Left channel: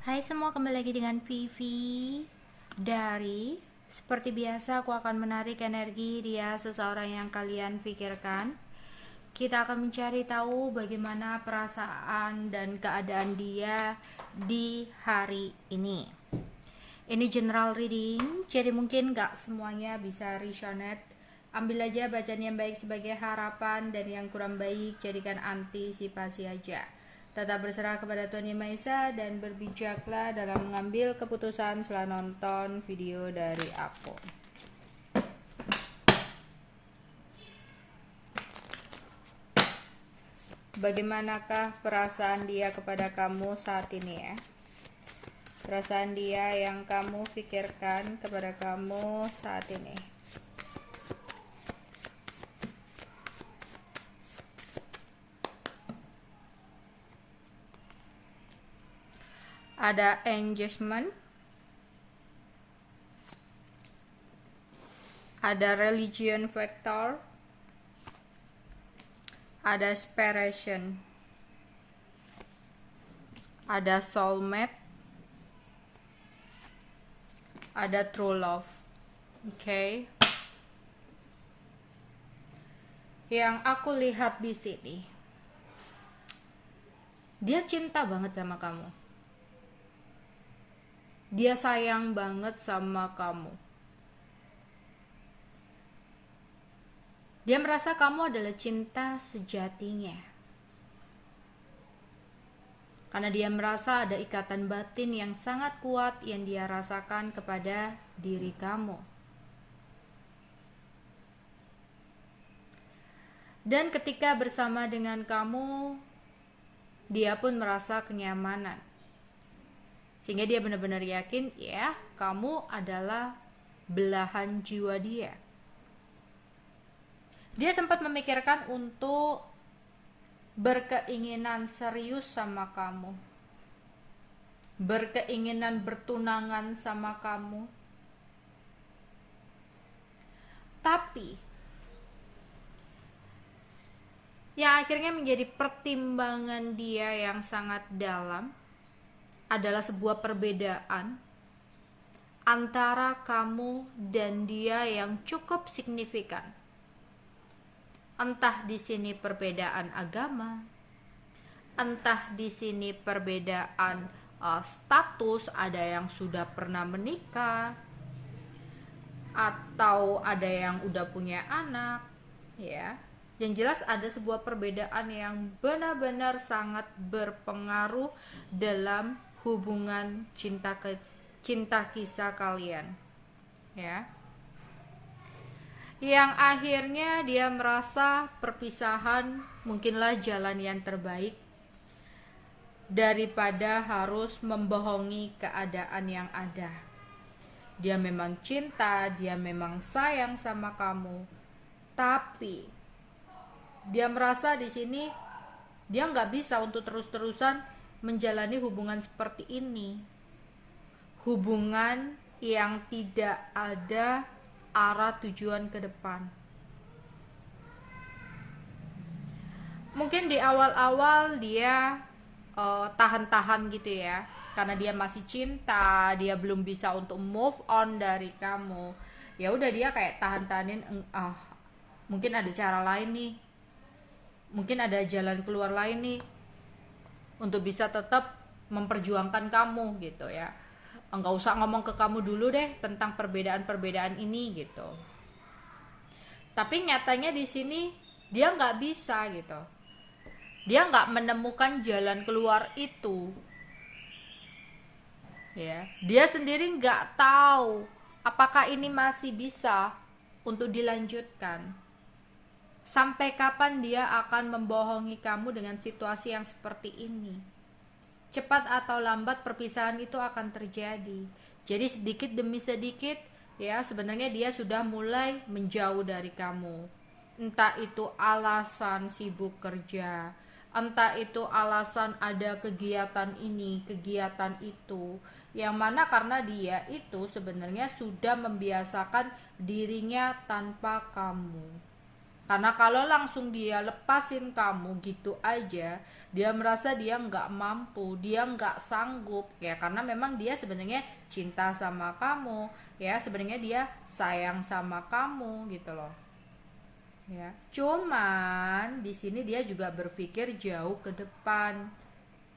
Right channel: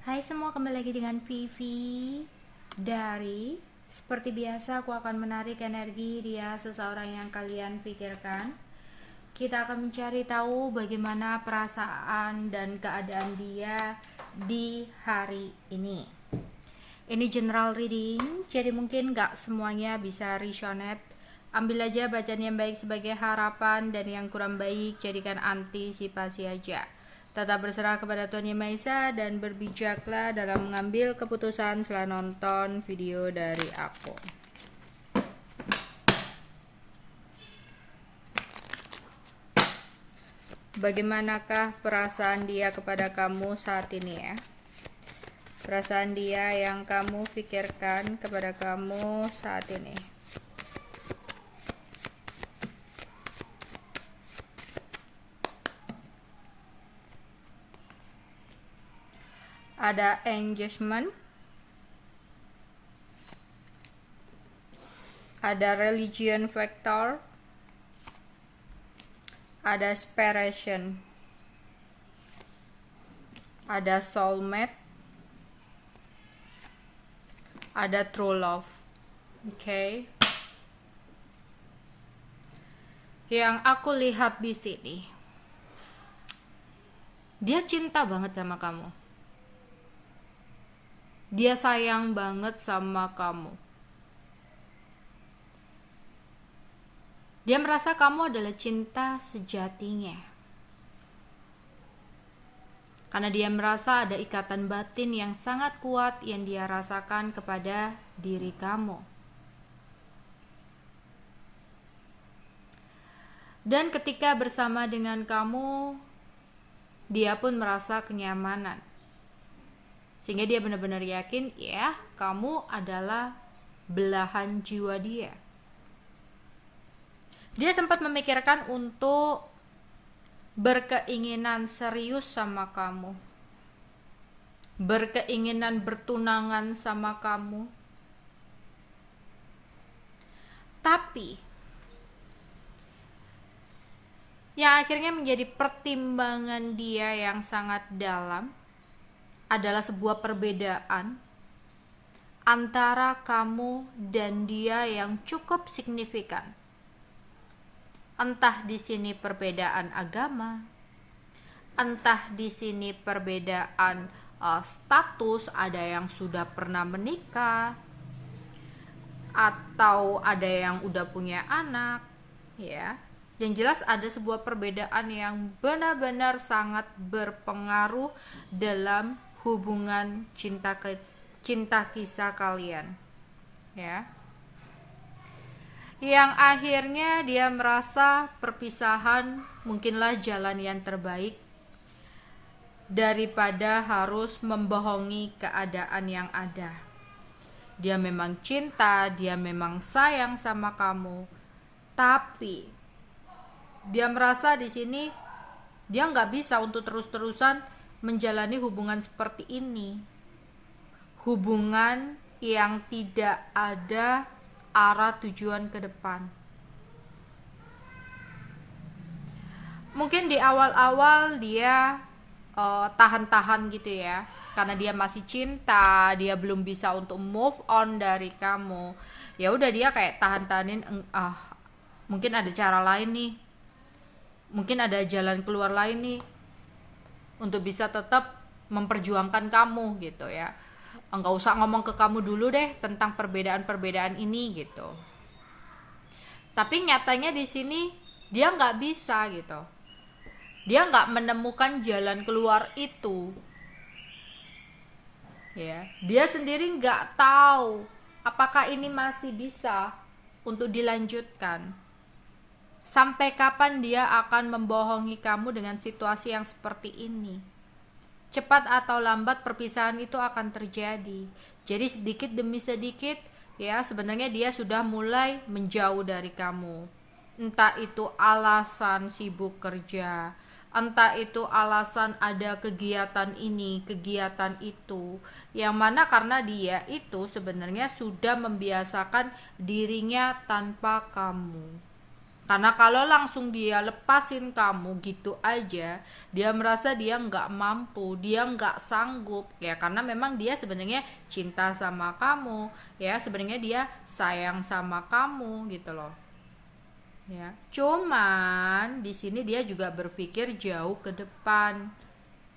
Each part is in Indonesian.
Hai semua, kembali lagi dengan Vivi dari seperti biasa aku akan menarik energi dia seseorang yang kalian pikirkan. Kita akan mencari tahu bagaimana perasaan dan keadaan dia di hari ini. Ini general reading, jadi mungkin gak semuanya bisa resonate. Ambil aja bacaan yang baik sebagai harapan dan yang kurang baik jadikan antisipasi aja. Tetap berserah kepada Tuhan Yang Maha Esa dan berbijaklah dalam mengambil keputusan setelah nonton video dari aku. Bagaimanakah perasaan dia kepada kamu saat ini ya? Perasaan dia yang kamu pikirkan kepada kamu saat ini. Ada engagement, ada religion factor, ada separation, ada soulmate, ada true love. Oke. Yang aku lihat di sini, dia cinta banget sama kamu. Dia sayang banget sama kamu. Dia merasa kamu adalah cinta sejatinya. Karena dia merasa ada ikatan batin yang sangat kuat yang dia rasakan kepada diri kamu. Dan ketika bersama dengan kamu, dia pun merasa kenyamanan. Sehingga dia benar-benar yakin, ya, kamu adalah belahan jiwa dia. Dia sempat memikirkan untuk berkeinginan serius sama kamu. Berkeinginan bertunangan sama kamu. Tapi yang akhirnya menjadi pertimbangan dia yang sangat dalam adalah sebuah perbedaan antara kamu dan dia yang cukup signifikan. Entah di sini perbedaan agama, entah di sini perbedaan status, ada yang sudah pernah menikah, atau ada yang udah punya anak, ya. Yang jelas ada sebuah perbedaan yang benar-benar sangat berpengaruh dalam hubungan cinta kisah kalian, ya. Yang akhirnya dia merasa perpisahan mungkinlah jalan yang terbaik daripada harus membohongi keadaan yang ada. Dia memang cinta, dia memang sayang sama kamu, tapi dia merasa di sini dia nggak bisa untuk terus-terusan menjalani hubungan seperti ini. Hubungan yang tidak ada arah tujuan ke depan. Mungkin di awal-awal dia tahan-tahan gitu ya, karena dia masih cinta, dia belum bisa untuk move on dari kamu. Ya udah dia kayak tahan-tahanin, mungkin ada cara lain nih, mungkin ada jalan keluar lain nih untuk bisa tetap memperjuangkan kamu gitu ya. Enggak usah ngomong ke kamu dulu deh tentang perbedaan-perbedaan ini gitu. Tapi nyatanya di sini dia nggak bisa gitu. Dia nggak menemukan jalan keluar itu. Ya, dia sendiri nggak tahu apakah ini masih bisa untuk dilanjutkan. Sampai kapan dia akan membohongi kamu dengan situasi yang seperti ini? Cepat atau lambat perpisahan itu akan terjadi. Jadi sedikit demi sedikit ya sebenarnya dia sudah mulai menjauh dari kamu. Entah itu alasan sibuk kerja, entah itu alasan ada kegiatan ini, kegiatan itu. Yang mana karena dia itu sebenarnya sudah membiasakan dirinya tanpa kamu. Karena kalau langsung dia lepasin kamu gitu aja, dia merasa dia nggak mampu, dia nggak sanggup ya, karena memang dia sebenarnya cinta sama kamu ya, sebenarnya dia sayang sama kamu gitu loh ya. Cuman di sini dia juga berpikir jauh ke depan,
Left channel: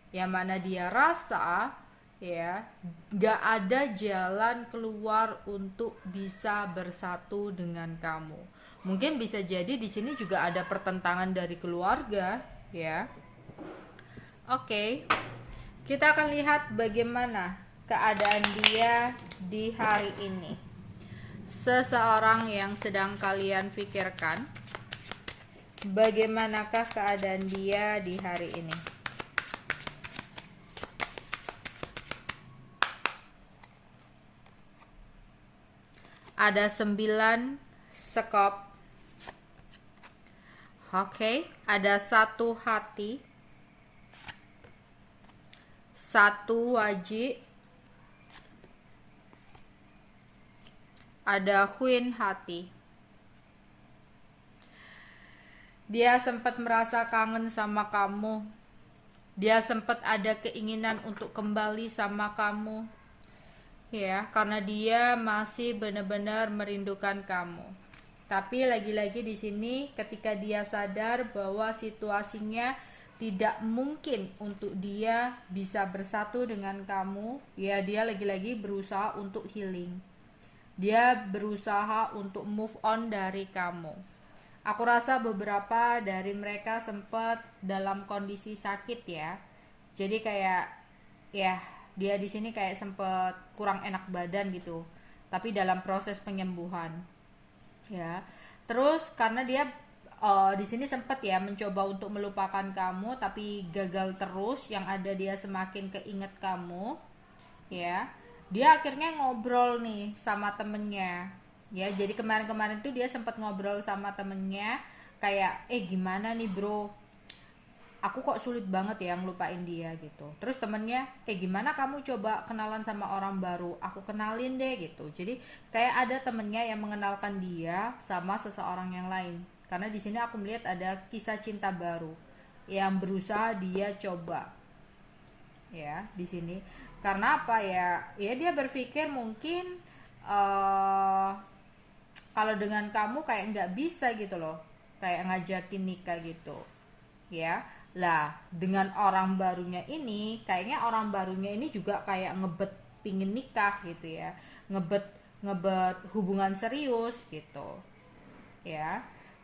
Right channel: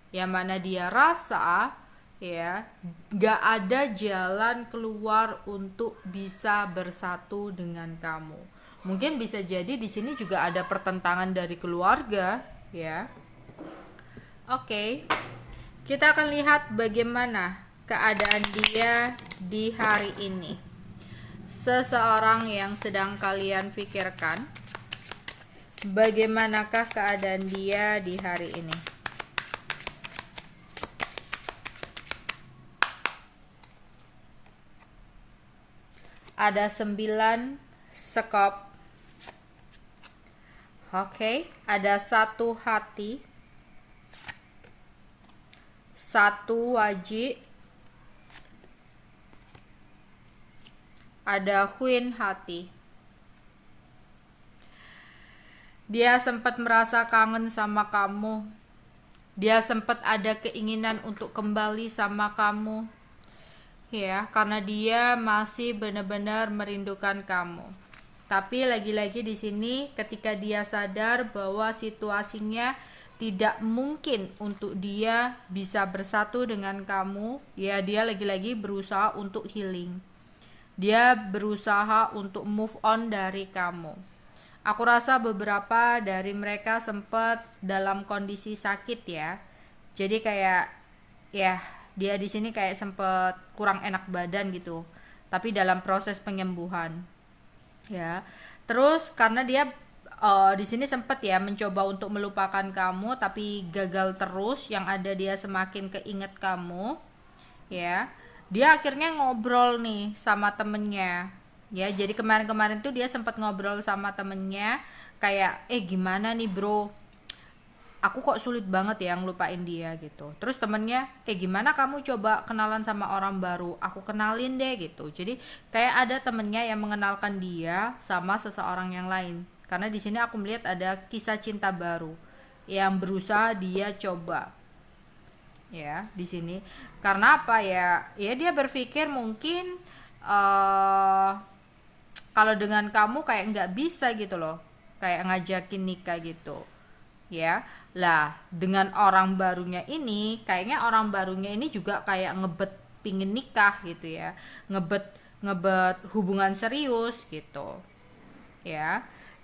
yang mana dia rasa ya nggak ada jalan keluar untuk bisa bersatu dengan kamu. Mungkin bisa jadi di sini juga ada pertentangan dari keluarga ya. Oke, kita akan lihat bagaimana keadaan dia di hari ini. Seseorang yang sedang kalian pikirkan, bagaimanakah keadaan dia di hari ini? Ada 9 sekop. Oke, ada 1 hati, 1 wajib, ada queen hati. Dia sempat merasa kangen sama kamu. Dia sempat ada keinginan untuk kembali sama kamu. Ya, karena dia masih benar-benar merindukan kamu. Tapi lagi-lagi di sini ketika dia sadar bahwa situasinya tidak mungkin untuk dia bisa bersatu dengan kamu, ya dia lagi-lagi berusaha untuk healing. Dia berusaha untuk move on dari kamu. Aku rasa beberapa dari mereka sempat dalam kondisi sakit ya. Jadi kayak ya dia di sini kayak sempat kurang enak badan gitu. Tapi dalam proses penyembuhan. Ya. Terus karena dia di sini sempat ya mencoba untuk melupakan kamu tapi gagal terus, yang ada dia semakin keinget kamu ya. Dia akhirnya ngobrol nih sama temennya ya. Jadi kemarin-kemarin tuh dia sempat ngobrol sama temennya kayak gimana nih bro, aku kok sulit banget ya ngelupain dia gitu. Terus temennya gimana kamu coba kenalan sama orang baru, aku kenalin deh gitu. Jadi kayak ada temennya yang mengenalkan dia sama seseorang yang lain. Karena di sini aku melihat ada kisah cinta baru yang berusaha dia coba ya di sini. Karena apa ya, ya dia berpikir mungkin kalau dengan kamu kayak nggak bisa gitu loh, kayak ngajakin nikah gitu ya. Lah dengan orang barunya ini, kayaknya orang barunya ini juga kayak ngebet pingin nikah gitu ya, ngebet ngebet hubungan serius gitu ya.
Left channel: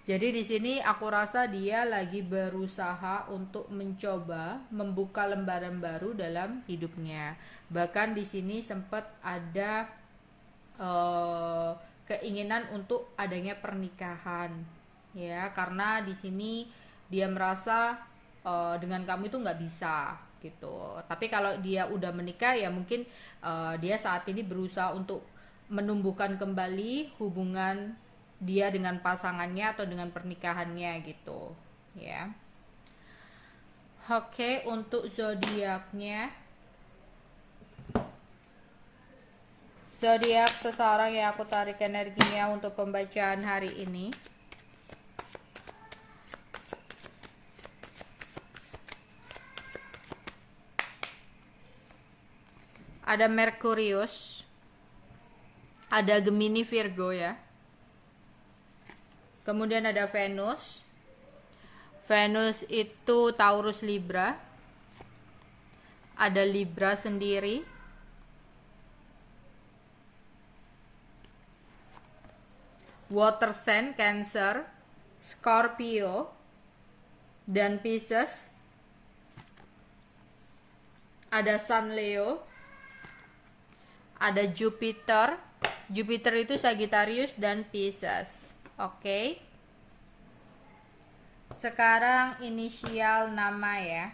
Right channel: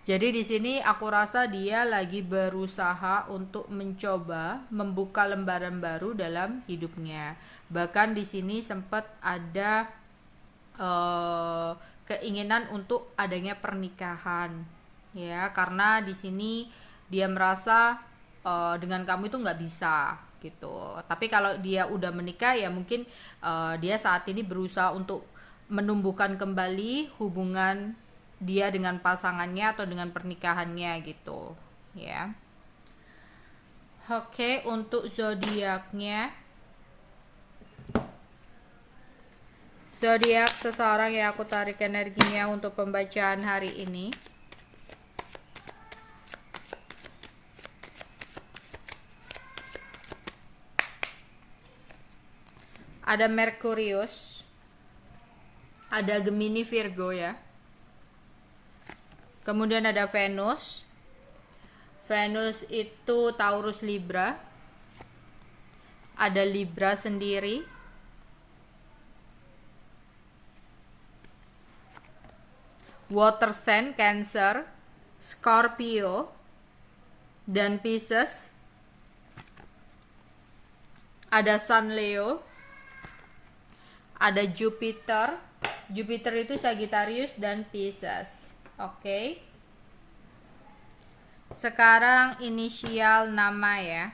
Jadi di sini aku rasa dia lagi berusaha untuk mencoba membuka lembaran baru dalam hidupnya. Bahkan di sini sempat ada keinginan untuk adanya pernikahan ya, karena di sini dia merasa dengan kamu itu nggak bisa gitu. Tapi kalau dia udah menikah ya mungkin dia saat ini berusaha untuk menumbuhkan kembali hubungan dia dengan pasangannya atau dengan pernikahannya gitu ya. Oke, untuk zodiaknya, zodiak seseorang yang aku tarik energinya untuk pembacaan hari ini, ada Merkurius, ada Gemini Virgo ya. Kemudian ada Venus. Venus itu Taurus Libra. Ada Libra sendiri. Water Sign Cancer, Scorpio, dan Pisces. Ada Sun Leo. Ada Jupiter. Jupiter itu Sagittarius dan Pisces. Oke. Sekarang inisial nama ya.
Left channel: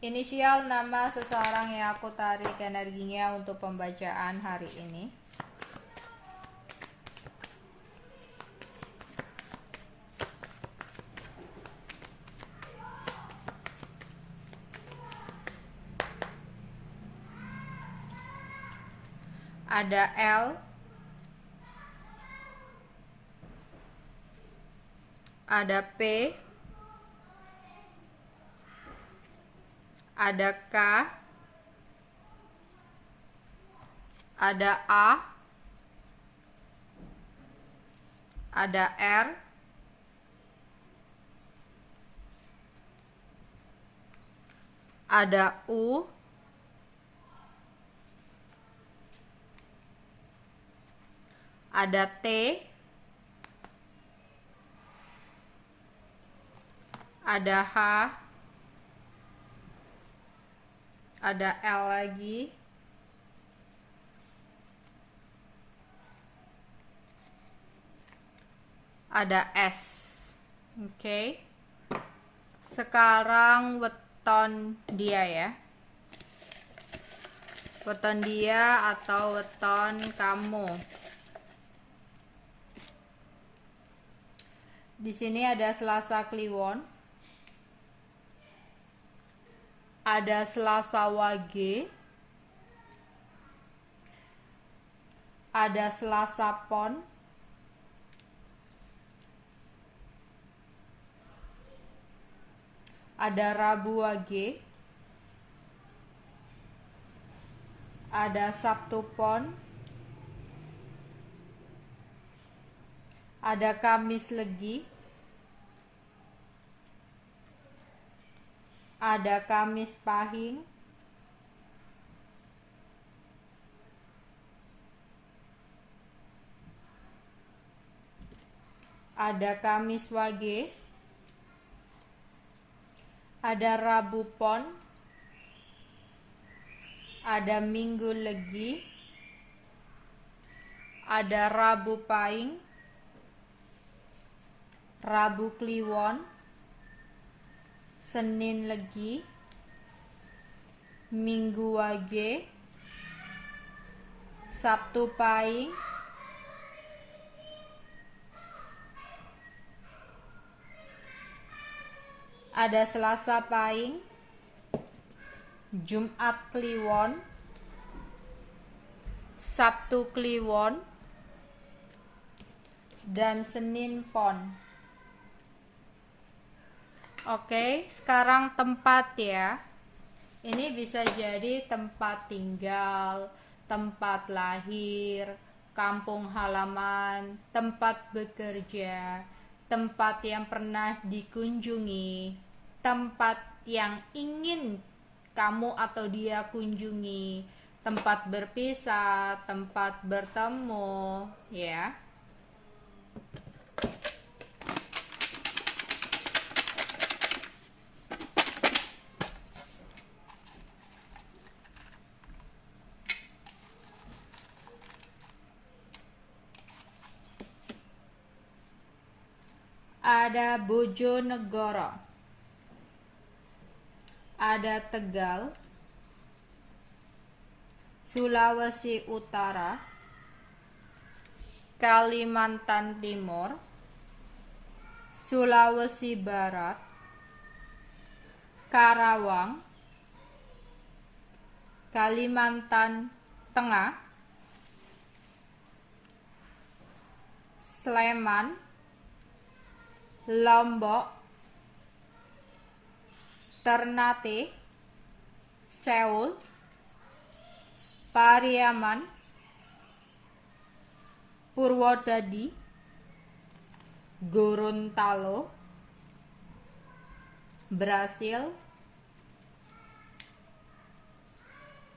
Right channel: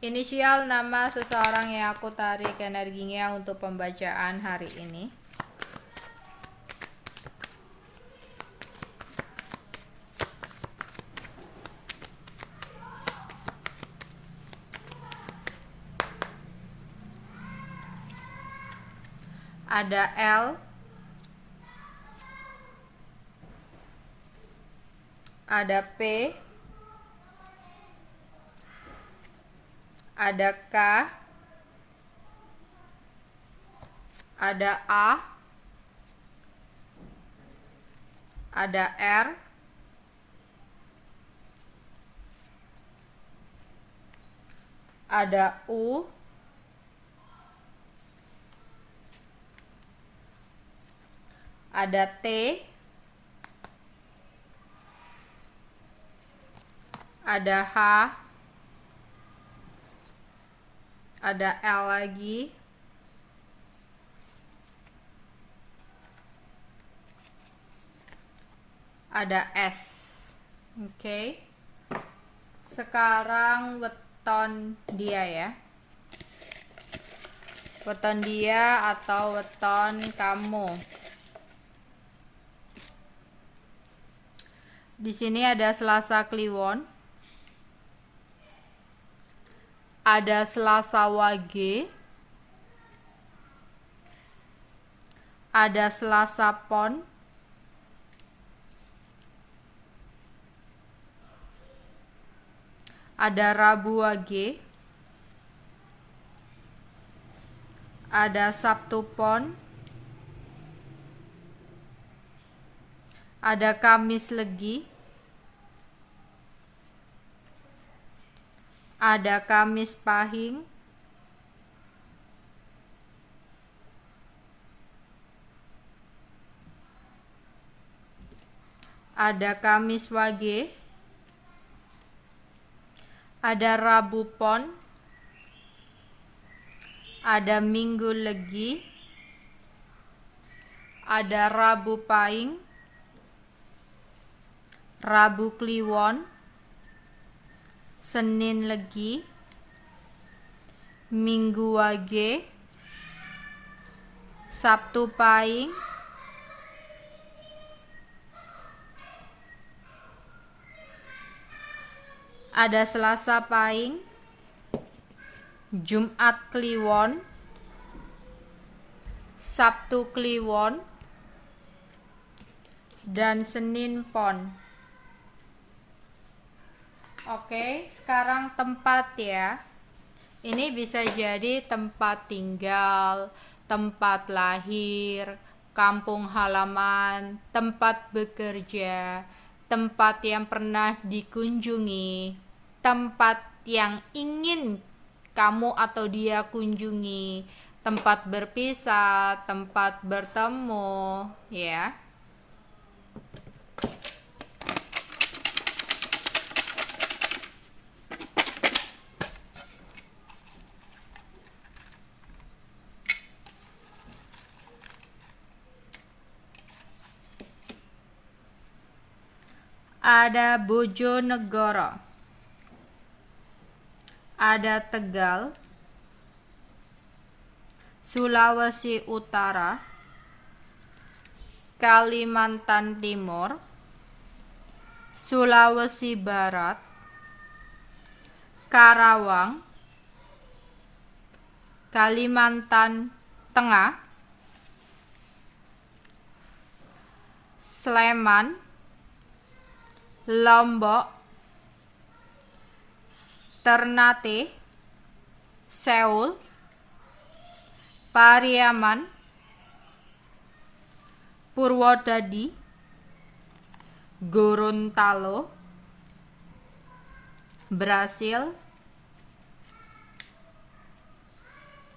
Inisial nama seseorang yang aku tarik energinya untuk pembacaan hari ini. Ada L, ada P, ada K, ada A, ada R, ada U, ada T, ada H, ada L lagi, ada S. Oke. Sekarang weton dia ya. Weton dia atau weton kamu. Di sini ada Selasa Kliwon, ada Selasa Wage, ada Selasa Pon, ada Rabu Wage, ada Sabtu Pon, ada Kamis Legi, ada Kamis Pahing, ada Kamis Wage, ada Rabu Pon, ada Minggu Legi, ada Rabu Pahing, Rabu Kliwon, Senin Legi, Minggu Wage, Sabtu Pahing, ada Selasa Pahing, Jumat Kliwon, Sabtu Kliwon, dan Senin Pon. Oke, sekarang tempat ya. Ini bisa jadi tempat tinggal, tempat lahir, kampung halaman, tempat bekerja, tempat yang pernah dikunjungi, tempat yang ingin kamu atau dia kunjungi, tempat berpisah, tempat bertemu, ya. Ada Bojonegoro, ada Tegal, Sulawesi Utara, Kalimantan Timur, Sulawesi Barat, Karawang, Kalimantan Tengah, Sleman, Lombok, Ternate, Seoul, Pariaman, Purwodadi, Gorontalo, Brasil,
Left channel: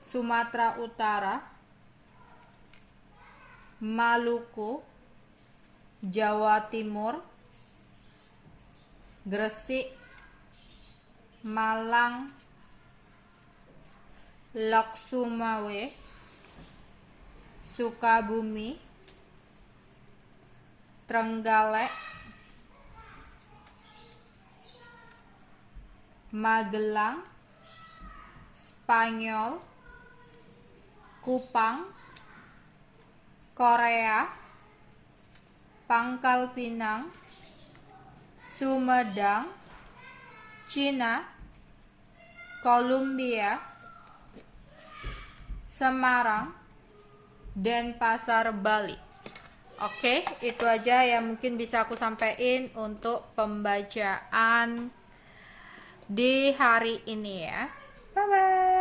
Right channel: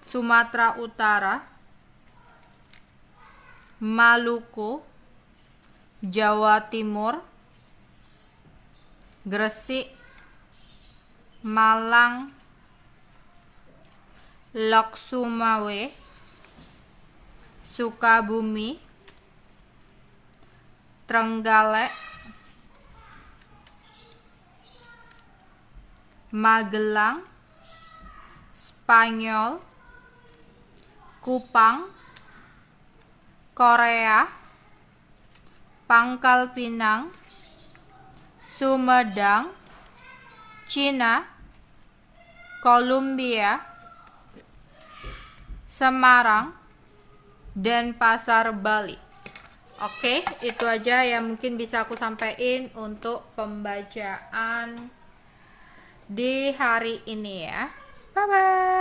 Sumatera Utara, Maluku, Jawa Timur, Gresik, Malang, Lok Sumawe, Sukabumi, Trenggalek, Magelang, Spanyol, Kupang, Korea, Pangkal Pinang, Sumedang, Cina, Kolombia, Semarang, dan Pasar Bali. Oke, itu aja yang mungkin bisa aku sampaikan untuk pembacaan di hari ini ya. Bye bye.